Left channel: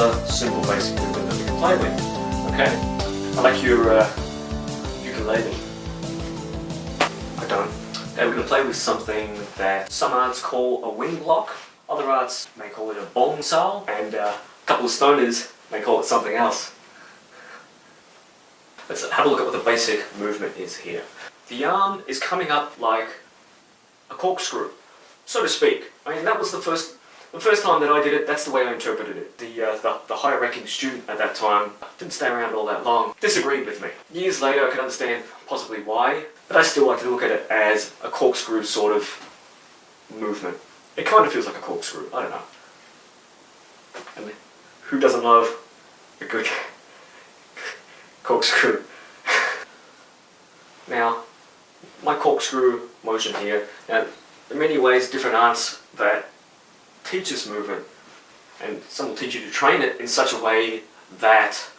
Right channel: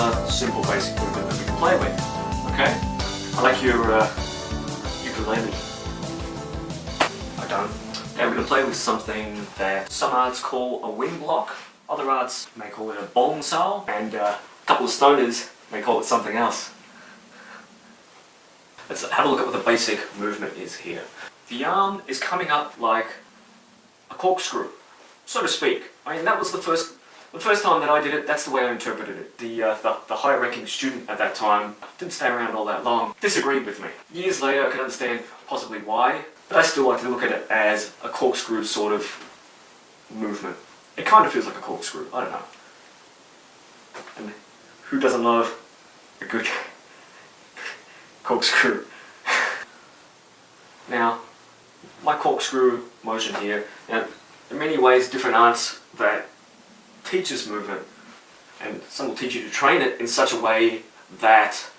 another simple basic movement that we can play with. Okay? I like your ukulele. I don't. Okay, we're going to play with something that some arts call a wing block, other arts may call it a Bong Sau, and a couple of stoners may call it something else. Let's have a look at what the basic movement is here. The arm is coming up like a corkscrew, so to speak. I mean, that was the first time that I did it, that's the way I interpreted it. The higher ranking student at that time didn't stay around all that long, disagreed with me. Years later I could understand possibly why, but I still like to look at it as a corkscrew sort of movement. It kind of feels like a corkscrew, I don't know. And who doesn't love a good corkscrew? Now, my corkscrew motion here, now in many ways different arts that teach this movement, and some will teach you to train it in such a way that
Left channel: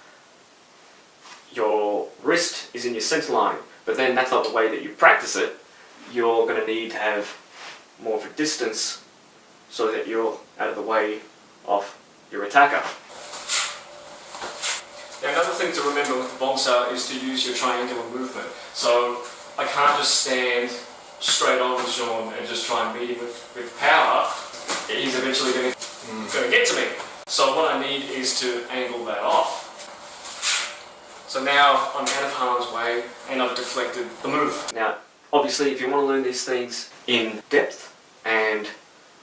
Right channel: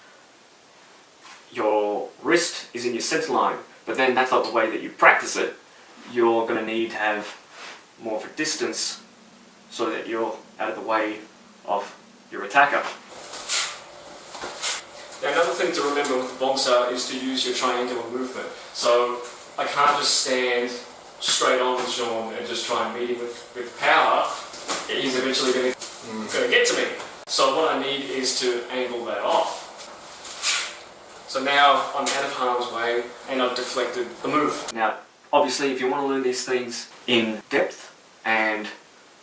your wrist is in your center line, but then that's not the way that you practice it. You're going to need to have more of a distance so that you're out of the way of your attacker. Now, another thing to remember with the Bong Sau is to use your triangular movement. So I can't just stand straight on with Sean and just try and meet him with power. He's eventually going to get to me. So what I need is to angle that off. So now I'm out of harm's way and I've deflected the move. Now, obviously, if you want to learn these things in depth and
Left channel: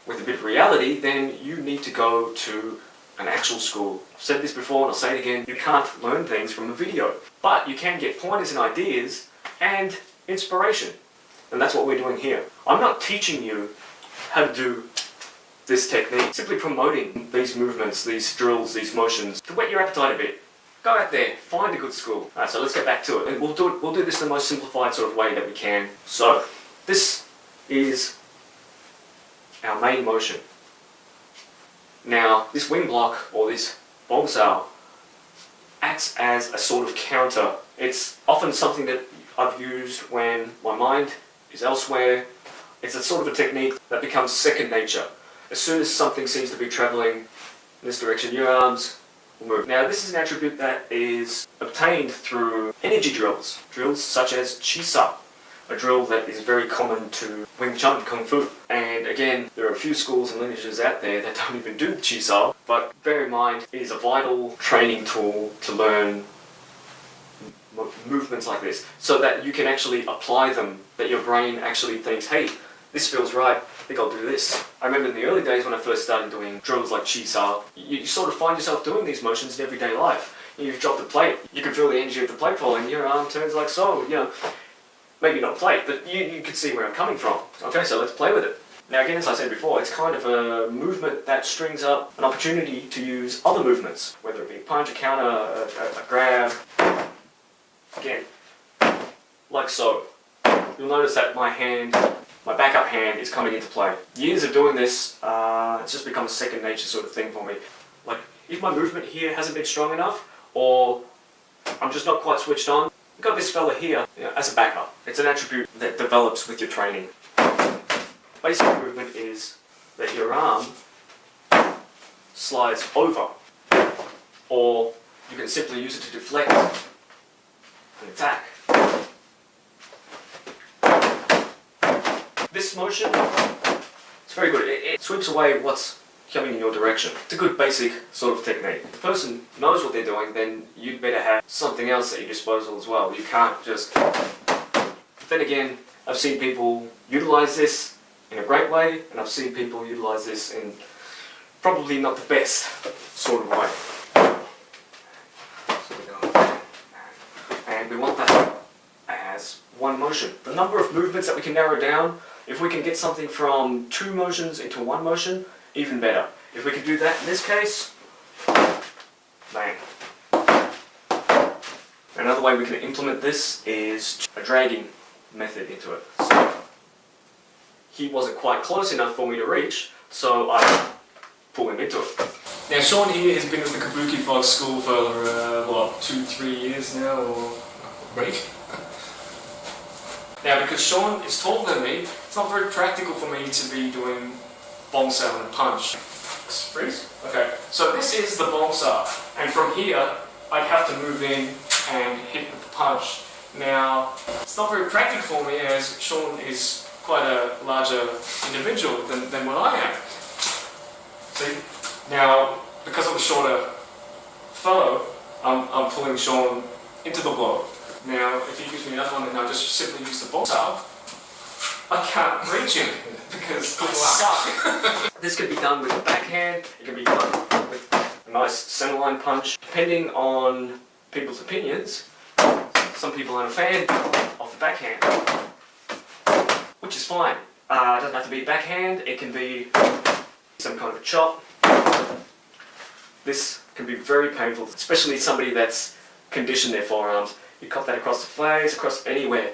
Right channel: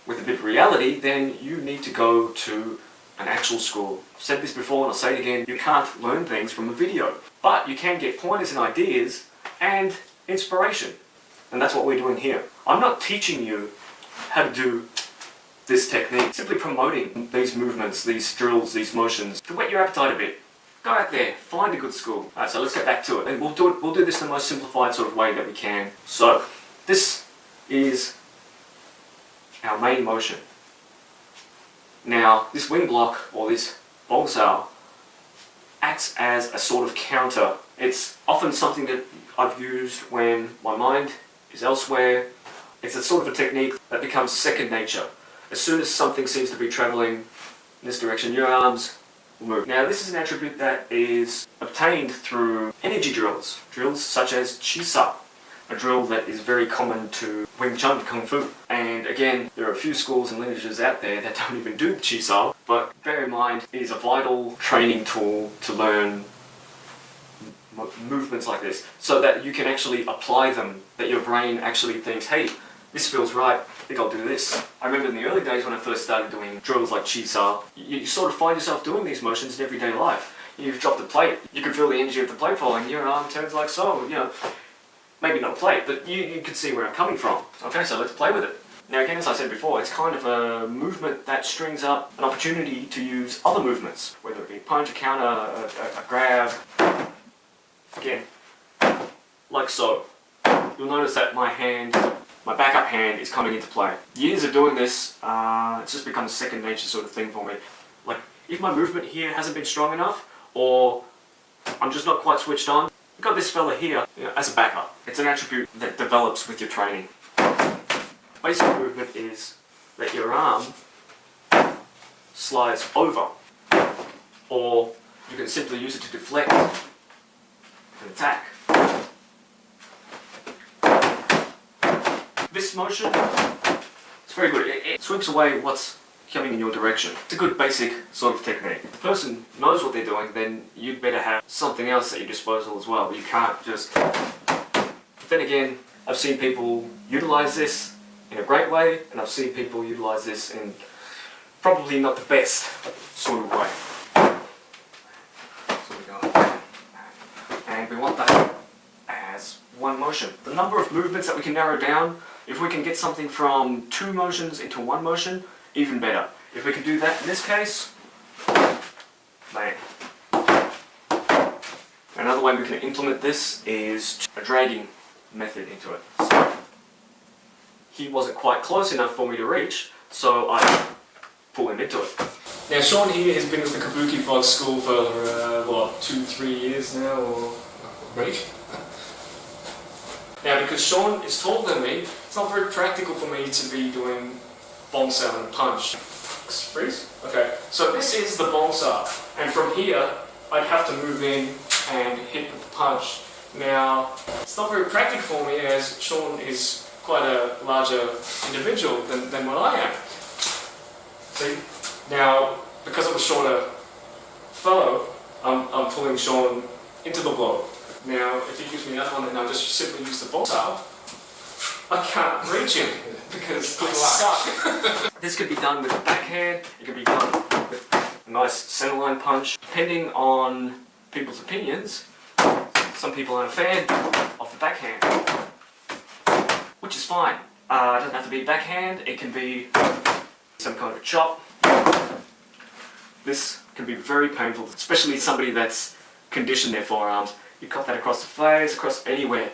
with a bit of reality, then you need to go to an actual school. I've said this before and I'll say it again, you can't learn things from a video, but you can get pointers and ideas and inspiration. And that's what we're doing here. I'm not teaching you how to do this technique, simply promoting these movements, these drills, these motions, to whet your appetite a bit. Go out there, find a good school. Alright, so let's get back to it. And we'll do this in the most simplified sort of way that we can. So, this is our main motion. Now, this wing block, or this Bong Sau, acts as a sort of counter. It's often something that I've used when my mind is elsewhere. It's a sort of a technique that becomes second nature. As soon as something seems to be travelling in this direction, your arms will move. Now, this is an attribute that is obtained through energy drills. Drills such as Chi Sau, a drill that is very common to Wing Chun, Kung Fu. And again, there are a few schools and lineages out there that don't even do Chi Sau, but bear in mind, it is a vital training tool to learn movements like this, so that you can actually apply them, that your brain actually thinks, hey, this feels right, I think I'll do this. I remember in the early days when I first started doing drills like Chi Sau, you sort of find yourself doing these motions in everyday life. You've dropped a plate, you can feel the energy of the plate falling, your arm turns like so, you know. Maybe not plate, but you can see where I'm coming from. Okay, so let's play with it. Now again, as I said before, it's kind of a movement that strings up an opportunity to use other movements, whether it be punch, a counter, a grab. Again, like so. You'll notice that my backup hand is coming into play. Years of doing this, it's just become a second nature sort of thing for me. Like, if my movement here hasn't been strong enough, or I'm just not quite switched on, I've got this fella here, you know, as a backup. It's an attribute that develops with your training. Basic movement is that your arm slides over, or you can simply use it to deflect and attack. This motion, it's very good. It sweeps away what's coming in your direction. It's a good basic sort of technique. If the person knows what they're doing, then you'd better have something else at your disposal as well. You can't just... Then again, I've seen people utilize this in a great way, and I've seen people utilize this in probably not the best sort of way. So we go, and we want that as one motion. The number of movements that we can narrow down, if we can get something from 2 motions into 1 motion, even better. If we can do that in this case, bang. Another way we can implement this is a dragging method into it. So, he wasn't quite close enough for me to reach, so I pull him into it. Now Sean here has been with the Kabuki Fox school for, what, 2-3 years now, or a week? Now because Sean is taller than me, it's not very practical for me to be doing Bong Sau and punch. Freeze? Okay, so this is the Bong Sau, and from here I'd have to move in and hit with the punch. Now, it's not very practical for me as Sean is quite a larger individual than what I am. See? Now, because I'm a shorter fellow, I'm pulling Sean into the blow. Now, if he gives me another one and I just simply use the Bong Sau, I can't reach him because I suck. This can be done with a backhand, it can be done with a nice centerline punch. Depending on people's opinions, some people aren't a fan of the backhand, which is fine. It doesn't have to be backhand, it can be some kind of a chop. This can be very painful, especially somebody that's conditioned their forearms. You cut that across the face, across anywhere.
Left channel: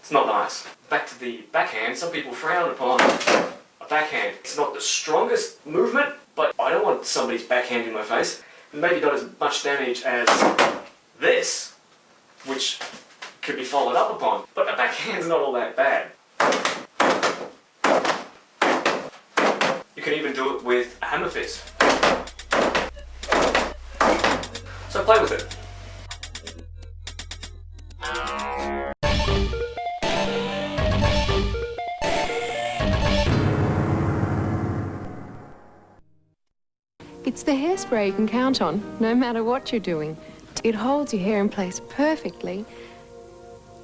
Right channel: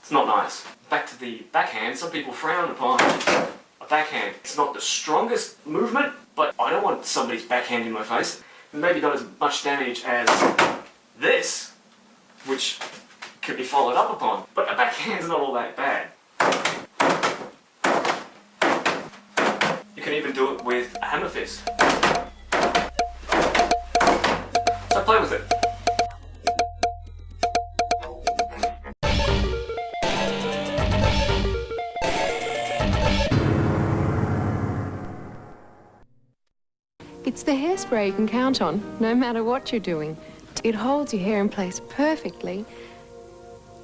It's not nice. Back to the backhand, some people frown upon a backhand. It's not the strongest movement, but I don't want somebody's backhand in my face. Maybe not as much damage as this, which could be followed up upon. But a backhand's not all that bad. You can even do it with a hammer fist. So play with it. It's the hairspray you can count on, no matter what you're doing. It holds your hair in place perfectly,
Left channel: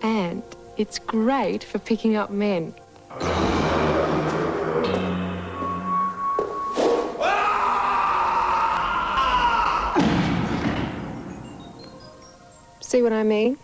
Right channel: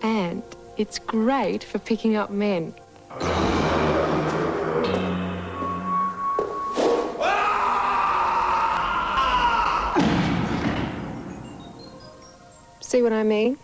and it's great for picking up men. See what I mean?